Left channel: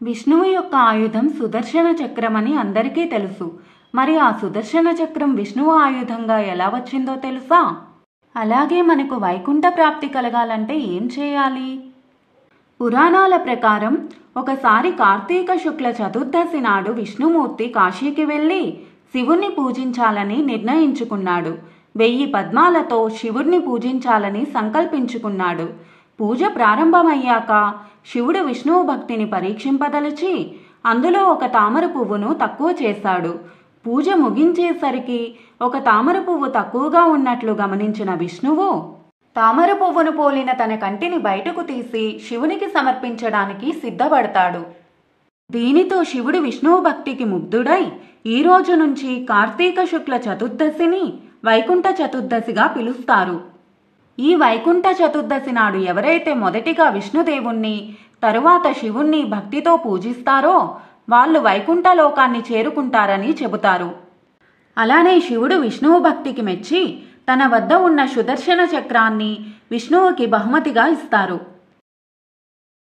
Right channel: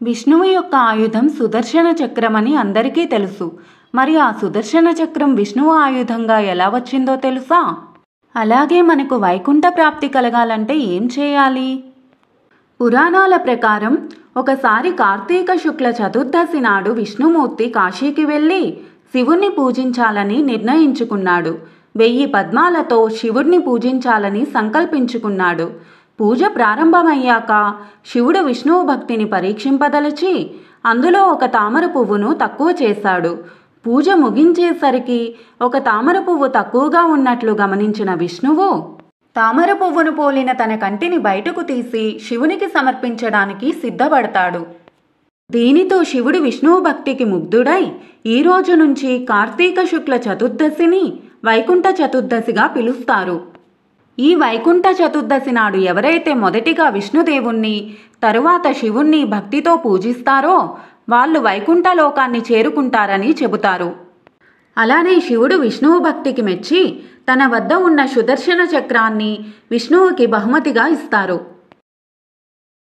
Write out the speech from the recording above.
విష్ణువు యొక్క ఆయుధం సుదర్శన చక్రం అని అందరికీ తెలుసు. మరి ఆ సుదర్శన చక్రం విష్ణువు ఆయుధంగా ఎలా వచ్చిందో తెలుసా? అలాగే మనకు వైకుంఠ ప్రాప్తి కలగాలంటే ఏం చేయాలి? పురాణాల ప్రకారం ఒకసారి కార్తీక శుక్ల చతుర్దశి నాడు విష్ణుమూర్తి కాశీకి వెళ్ళి శివుణ్ణి పూజించాలని నిర్ణయించుకున్నాడు. 1000 పద్మాలతో శివుణ్ణి పూజించాలని సంకల్పించుకున్నాడు. పూజ ప్రారంభమయ్యాక శివుడు విష్ణువు భక్తిని పరీక్షింపదలిచి అందులో ఒక తామర పువ్వును తక్కువ చేశాడు. పూజ ముగించేసరికి ఒక తామర పువ్వు తక్కువగా ఉన్నట్లు గమనించిన విష్ణువు తామర పువ్వును పోలిన తన కంటిని బయటకు తీసి శివునికి సమర్పించడానికి సిద్ధపడతాడు. దీనితో శివుడు విష్ణువు భక్తికి ముగ్ధుడై ఈ రోజు నుంచి కార్తీక శుక్ల చతుర్దశిని వైకుంఠ చతుర్దశిగా పిలుస్తారు. ఈ వైకుంఠ చతుర్దశి నాడు ఎవరైతే మొదటిగా విష్ణుదేవుణ్ణి తరువాత శివుణ్ణి భక్తితో పూజిస్తారో వాళ్ళు వైకుంఠ లోకాన్ని చేరుకుంటారని చెబుతారు. అలానే శివుడు విష్ణువు భక్తికి మెచ్చి తన వద్ద ఉన్న సుదర్శన చక్రాన్ని విష్ణువుకి బహుమతిగా ఇస్తారు.